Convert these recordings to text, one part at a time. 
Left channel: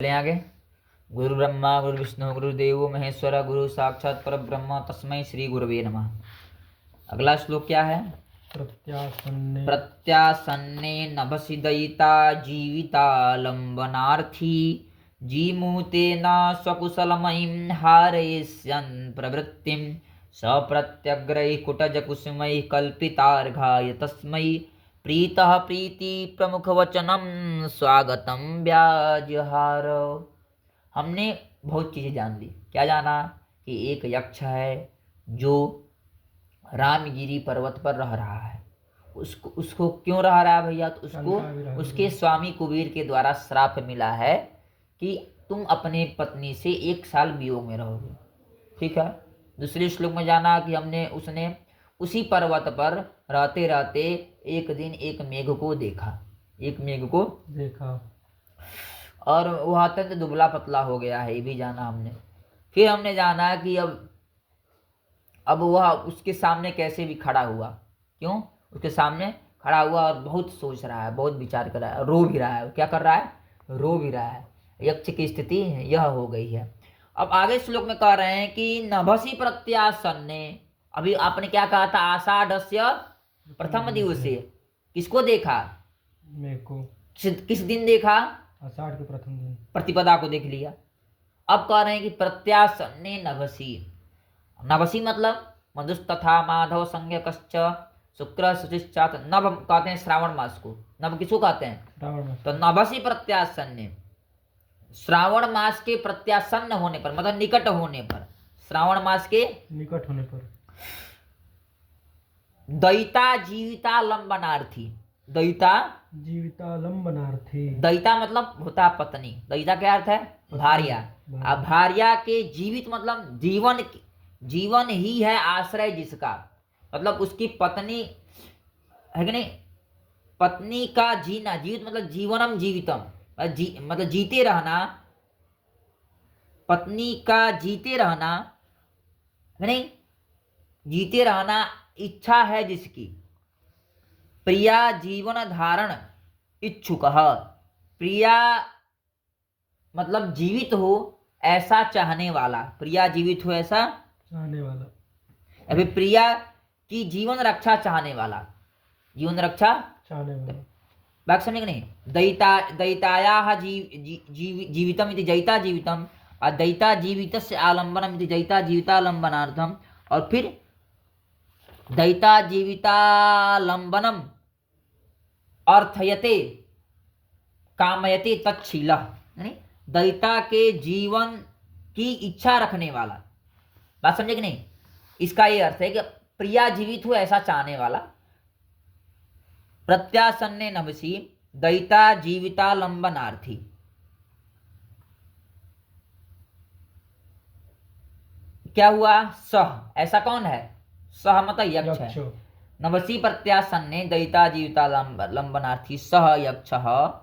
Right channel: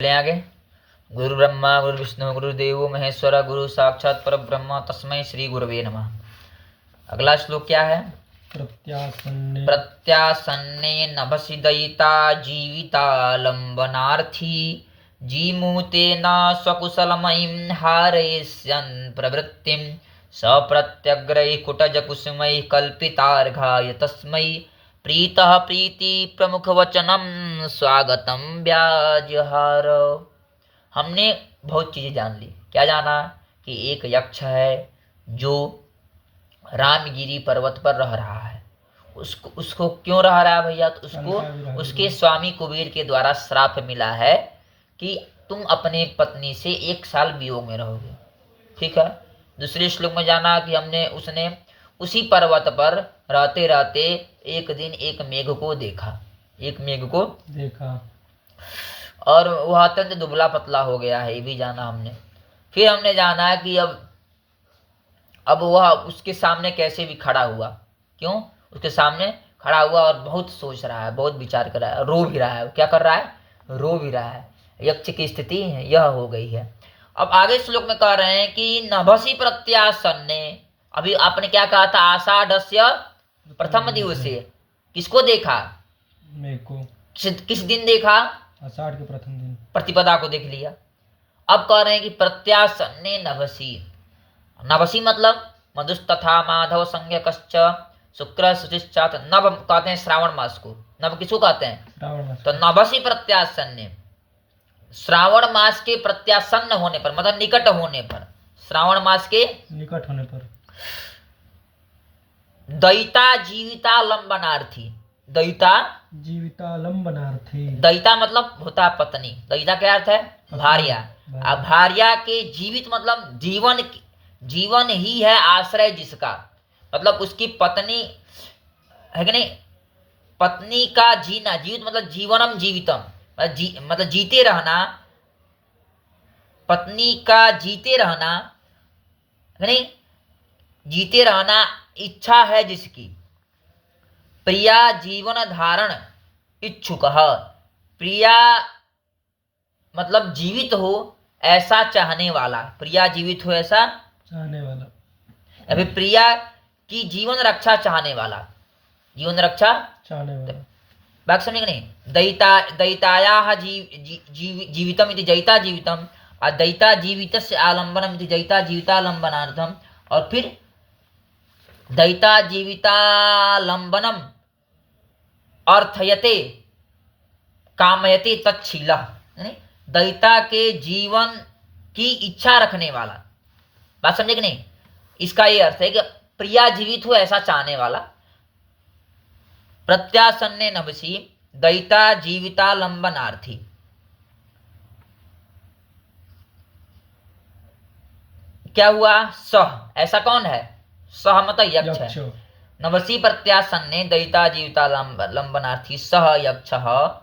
चले आगे। गुरु ब्रह्मा गुरु विष्णु गुरुदेव महेश्वर गुरु साक्षात पर ब्रह्म तस्मै श्री गुरवे नमः। अगला श्लोक क्या है? प्रत्यासन्ने नभसि दयिता जीवितालम्बनार्थी जीमूतेन स्वकुशलमयीं हारयिष्यन् प्रवृत्तिं सप्रत्यग्रैः कुटजकुसुमैः कल्पितार्घाय तस्मै प्रीतः प्रीति प्रमुखवचनम स्वागतम व्याजहार। हमने बहुत चीजें जान ली। क्या जाना? कि एक यक्ष है जो रामगिरी पर्वत पर रह रहा है। उसको क्यों रह रहा है भैया? तो उसको उसके स्वामी कुबेर के द्वारा श्राप मिला है कि तुम अपने पत्नी से 1 साल वियोग में रहोगे। ठीक है। दूसरे श्लोक में जाना कि उसने उसी पर्वत पर रहते रहते एक दिन एक मेघ को देखा और वह अत्यंत दुबला पतला हो गया है। ये भी जाना हमने। फिर हमने जाना कि अब वह उसके सामने कैसे भी खड़ा हुआ। क्यों उसके सामने खड़ा हुआ? और बहुत सोच रहा है, बहुत विचार कर रहा है, रो भी रहा है। क्या कर रहा है? रो भी रहा है। यक्ष की स्थिति यह हो गई है। अब आगे श्लोक में कह रहे हैं कि नभसि प्रत्यासन्ने। अभी आपने क्या कहा था? आषाढ़स्य प्रथम दिवसे किसको देखा? मेघ को। किस दिन देखा? आषाढ़ के प्रथम दिन। प्रतिपदा को देख लिया। अब कह रहे हैं कि प्रत्यासन्ने नभसि। नभसि मतलब मधुस्तथा माधव संज्ञकश्च शुक्र शुचिश्चात। नभ कहते हैं श्रावण मास को। नभ किसको कहते हैं? श्रावण मास। तो नभसि प्रत्यासन्ने, श्रावण मास के प्रत्यासन्न होने पर मतलब निकट होने पर, श्रावण मास के निकट होने पर दयिता जीवितालंबनार्थी। दयिता जीवितालंबनार्थी। दयिता मतलब होता है पत्नी। दयिता क्या अर्थ है? भार्या। अब भार्या के जीवित मतलब जीवन ही है आश्रय जिसका, मतलब उसकी पत्नी है कि नहीं? पत्नी का जीना, जीवित मतलब जीवनम जीवितम, मतलब जीते रहना। पत्नी का जीते रहना है नहीं? जीते रहना इच्छा है जिसकी। प्रिया जीवन धारण इच्छुक। प्रिया मतलब जीवित हो ऐसा चाहने वाला। प्रिया जीवित हो ऐसा चाहने वाला। अभी प्रिया की जीवन रक्षा चाहने वाला। जीवन रक्षा चाहने वाला। बात समझे नहीं? दयितायाः जीवितम इति जयिता जीवितम और दयिता जीवितस्य आलम्बनम इति जयिता जीवितालंबनार्थम। और फिर दयिता जीवितालंबनम अर्थयते कामयते तच्छीलः। दयिता के जीवन की इच्छा रखने वाला। बात समझे कि नहीं? इसका ये अर्थ है कि प्रिया जीवित हो ऐसा चाहने वाला। प्रत्यासन्ने नभसि दयिता जीवितालंबनार्थी। क्या हुआ? सह, ऐसा कौन है? सह मतलब यक्ष है। नभसि प्रत्यासन्ने दयिता जीवितालंबनार्थी सह यक्षः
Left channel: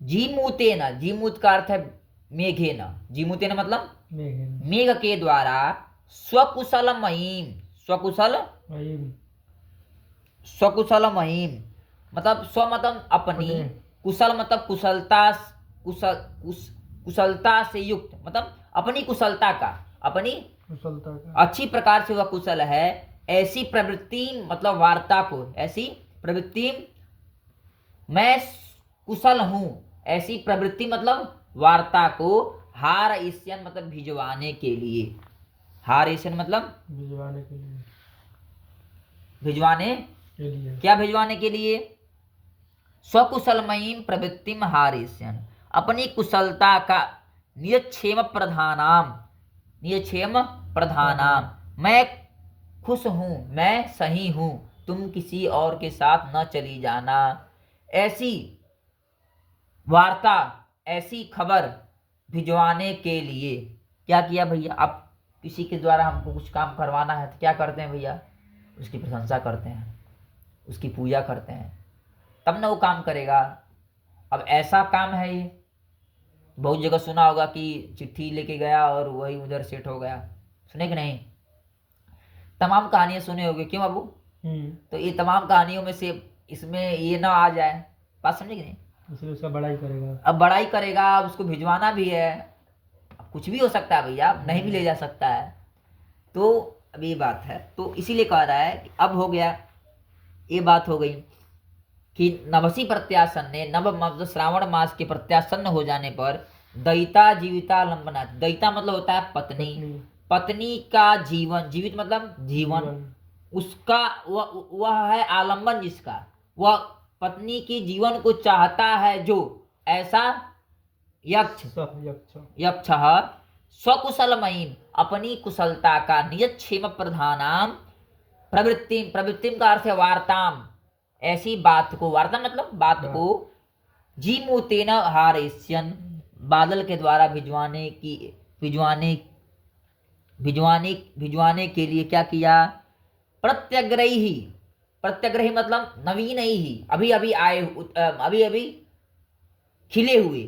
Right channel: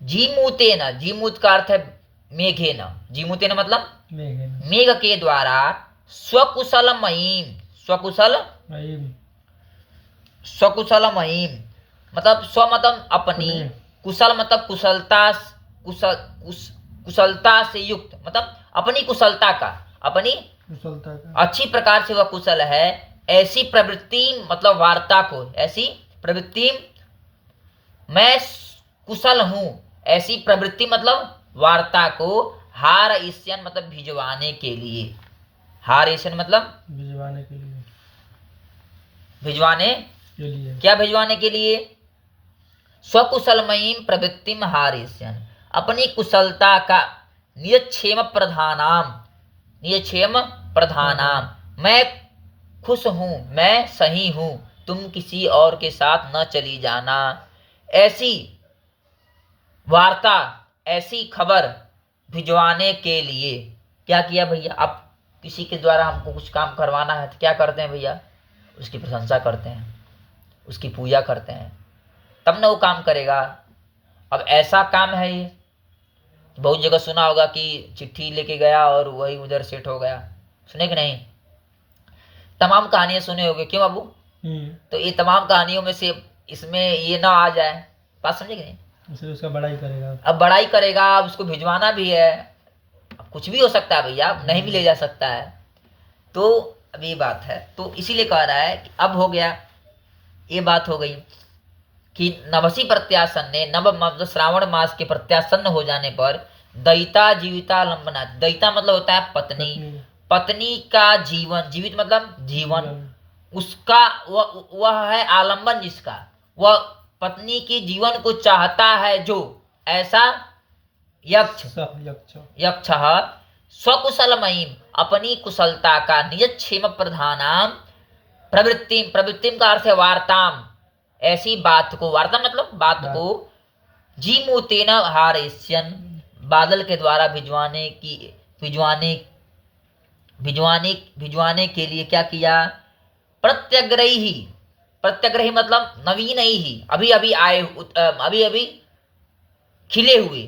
जीमूतेन। जीमूत का अर्थ है मेघेन। जीमूतेन मतलब मेघ के द्वारा स्वकुशलमयीं। स्वकुशलमयीं मतलब स्व मतलब अपनी, कुशल मतलब कुशलता से युक्त, मतलब अपनी कुशलता का अच्छी प्रकार से वह कुशल है। ऐसी प्रवृत्ति मतलब वार्ता को, ऐसी प्रवृत्ति मैं कुशल हूं, ऐसी प्रवृत्ति मतलब वार्ता को हार ईश्यन मतलब भिजवाने के लिए। हार ईश्यन मतलब भिजवाने के लिए। भिजवाने के लिए। क्या भिजवाने के लिए? स्वकुशलमयीं प्रवृत्तिम हारेष्यन्। अपनी कुशलता का नियक्षेम प्रधानाम। मैं खुश हूं, मैं सही हूं, तुम किसी और के साथ न चली जाना। ऐसी वार्ता, ऐसी खबर भिजवाने के लिए क्या किया भैया? अब किसी के द्वारा हमको कुछ काम करवाना है तो क्या करते हैं भैया? उसकी प्रशंसा करते हैं, उसकी पूजा करते हैं, तब ना वो काम करेगा। अब ऐसा काम है ये। बहुत जगह सुना होगा कि चिट्ठी लेके गया और वही उधर सेट हो गया। सुने कि नहीं? तमाम कहानियां सुने होगे। क्यों बाबू? तो ये तमाम कहानियों में से इसमें ये ना आ जाए। बात समझे कि नहीं? इसलिए उसका बड़ाई करेगा। अब बड़ाई करेगा, अब उसको भिजवाना भी है, कुछ भी हो सकता है भैया, नहीं भी ले जा सकता है। तो अब ये बात है, तो इसीलिए कह रहा है कि अब हो गया, ये बात हो गई कि नभसी प्रत्यासन्ने, नव मतलब श्रावण मास के प्रत्यासन्न हो जाने पर दयिता जीविता लंबना, दयिता मतलब होता है पत्नी, पत्नी का जीवन, जीवित मतलब जीवन, उसका वह है आलंबन जिसका, वह पत्नी की जीवन को चाहता है जो, ऐसा यक्ष स्वकुशलमयीम, अपनी कुशलता का, निजक्षेम प्रधानाम प्रवृत्तिम, प्रवृत्तिम का अर्थ है वार्ताम, ऐसी बात को, वार्ता मतलब बात को, जीमूतेन हारेस्यन, बादल के द्वारा भिजवाने की, भिजवाने के लिए क्या किया, प्रत्यग्रही, प्रत्यग्रही मतलब नवीन ही, अभी अभी आए, अभी अभी खिले हुए,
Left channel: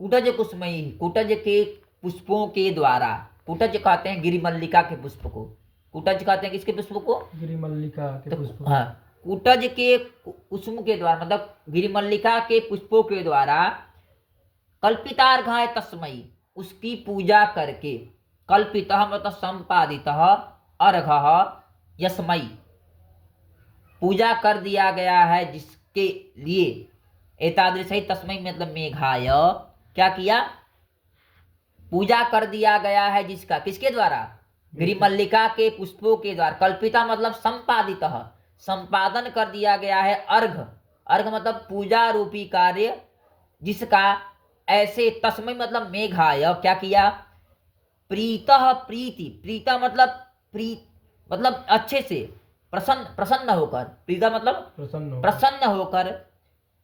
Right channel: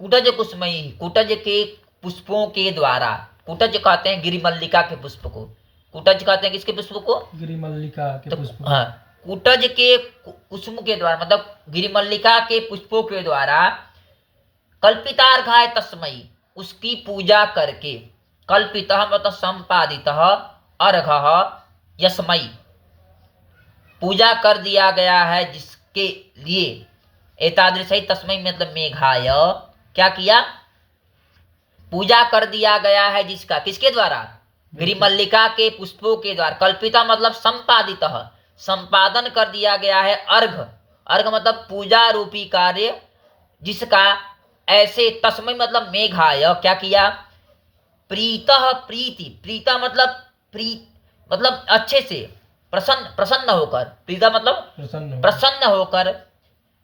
कुटज कुसुमयी, कुटज के पुष्पों के द्वारा, कुटज कहते हैं गिरिमल्लिका के पुष्प को, कुटज कहते हैं किसके पुष्प को, गिरिमल्लिका के पुष्प। हाँ, कुटज के कुसुम के द्वारा मतलब गिरिमल्लिका के पुष्पों के द्वारा, कल्पितार्घाय तस्मयी, उसकी पूजा करके, कल्पितः मतलब संपादितः, अर्घः यस्मयी, पूजा कर दिया गया है जिसके लिए, एतादृशई तस्मै मतलब मेघाय, क्या किया, पूजा कर दिया गया है जिसका, किसके द्वारा, गिरिमल्लिका के पुष्पों के द्वारा, कल्पिता मतलब संपादितः, संपादन कर दिया गया है, अर्घ, अर्घ मतलब पूजा रूपी कार्य जिसका, ऐसे तस्मै मतलब मेघाय, क्या किया, प्रीतः प्रीति, प्रीता मतलब मतलब अच्छे से, प्रसन्न होकर, प्रीता मतलब प्रसन्न होकर,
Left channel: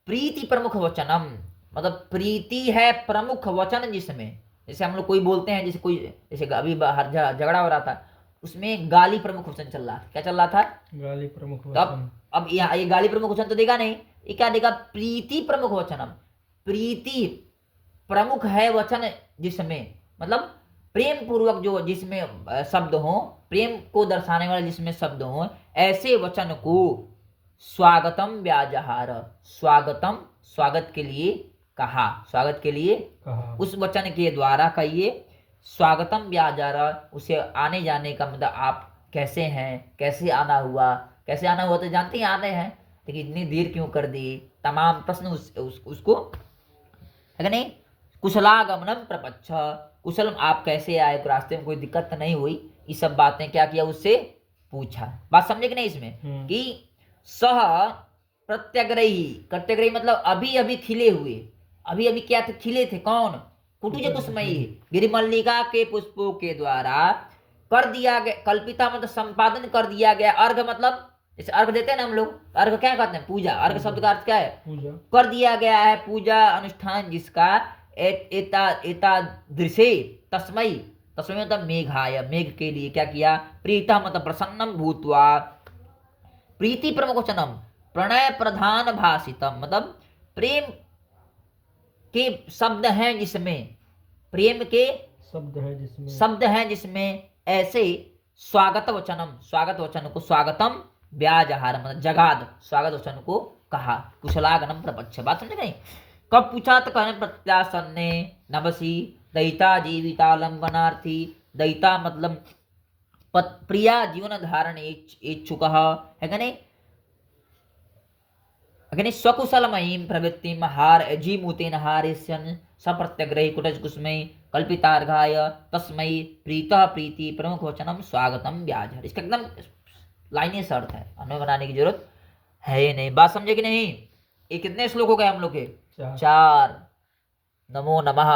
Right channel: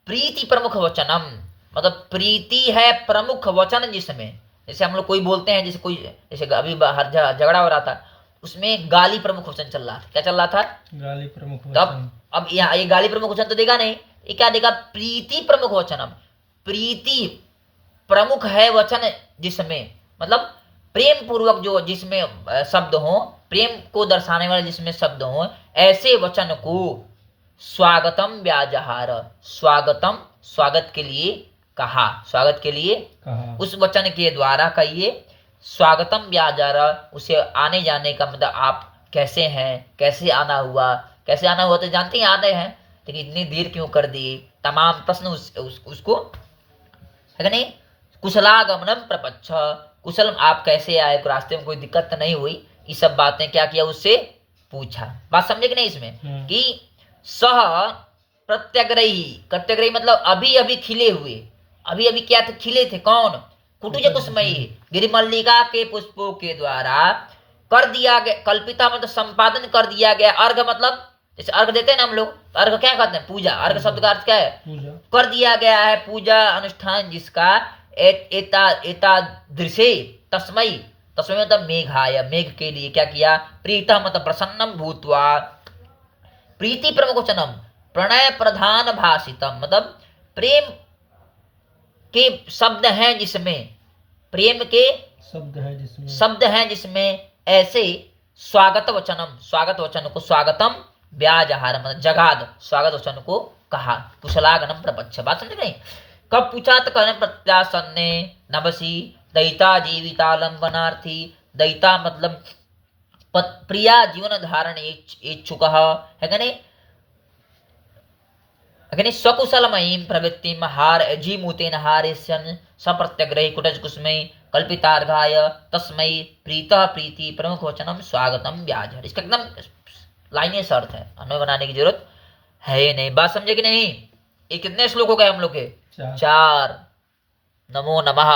प्रीति प्रमुख वचनम मतलब प्रीति है प्रमुख वचन जिसमें, जैसे हम लोग कोई बोलते हैं, जैसे कोई, जैसे अभी बाहर झगड़ा हो रहा था, उसमें गाली प्रमुख वचन चल रहा था, क्या चल रहा था, गाली प्रमुख वचन। अब यहाँ ये गाली प्रमुख वचन तो देगा नहीं, ये क्या देगा, प्रीति प्रमुख वचनम, प्रीति प्रमुख है वचन जिसमें, मतलब प्रेम पूर्वक जो, जिसमें शब्द हो, प्रेम को दर्शाने वाले जिसमें शब्द हो, ऐसे वचन को स्वागतम व्याजहार, स्वागतम स्वागत के लिए कहा, स्वागत के लिए कहा, उस वचन के द्वारा कहिए, स्वागतम व्याजहार, उसे आने जाने का मतलब, आप कैसे हैं, कैसे आना हुआ, कैसे आना हुआ तो जानते ही आते हैं, लेकिन इतनी देर क्यों कर दी, तमाम प्रश्न उसको है नहीं, कुशलागमनम प्रपच्छ, कुशल आप कैसे आए, रास्ते में कोई दिक्कत तो नहीं हुई, ये सब बातें क्या किया, उससे पूछा। बात समझे कि नहीं इसमें, कि सह प्रत्यग्रही, प्रत्यग्रही मतलब अभी अभी खिले हुए, अभी अभी क्या थे, खिले थे, कौन, कुटुज कुसुमयी, गिरिमल्लिका के पुष्पों के द्वारा कर दिया गया, कल्पिता मतलब संपादन कर दिया गया, अर्घ मतलब जैसे अर्घ देते हैं ना हम लोग, अर्घ क्या कहते हैं, पूजा, अर्घ शब्द का अर्थ क्या है, कर दिया गया है पूजा अनुष्ठान जिसका, एतादृशे तस्मै, तस्मै मतलब मेघाय, मेघ के लिए क्या किया, प्रीतः मतलब प्रसन्नम भूत्वा, प्रीति प्रमुख वचनम, प्रणय प्रधान भाषितम मतलब प्रेम के शब्द हैं जिसमें, प्रेम के शब्द हैं जिसमें, ऐसे स्वागत वचनम, स्वागत वचन को, स्वागतम व्याजहार मतलब जगाद, स्वागत वचन को कहा, कुशलागमनम प्रपच्छ। बात समझ गई, कब पूछा तो कहने प्रत्यासन्ने नभसी दयिता जीवितालंबनार्थी, दयिता मतलब प्रिया जीवन धारण इच्छुक है कि नहीं, स्वकुशलमयीं प्रवृत्तिं हार जीमूतेन हारेस्यन् सप्रत्यग्रही कुटज कुसुमै कल्पितार्घाय तस्मै प्रीतः प्रीति प्रमुख वचनम स्वागतम व्याजहर। इसका एकदम लाइनें अर्थ है, अन्वय बनाने की जरूरत है ही नहीं। बात समझे कि नहीं, ये कितने श्लोक हो गए हम लोग के, 4। नमो नमः।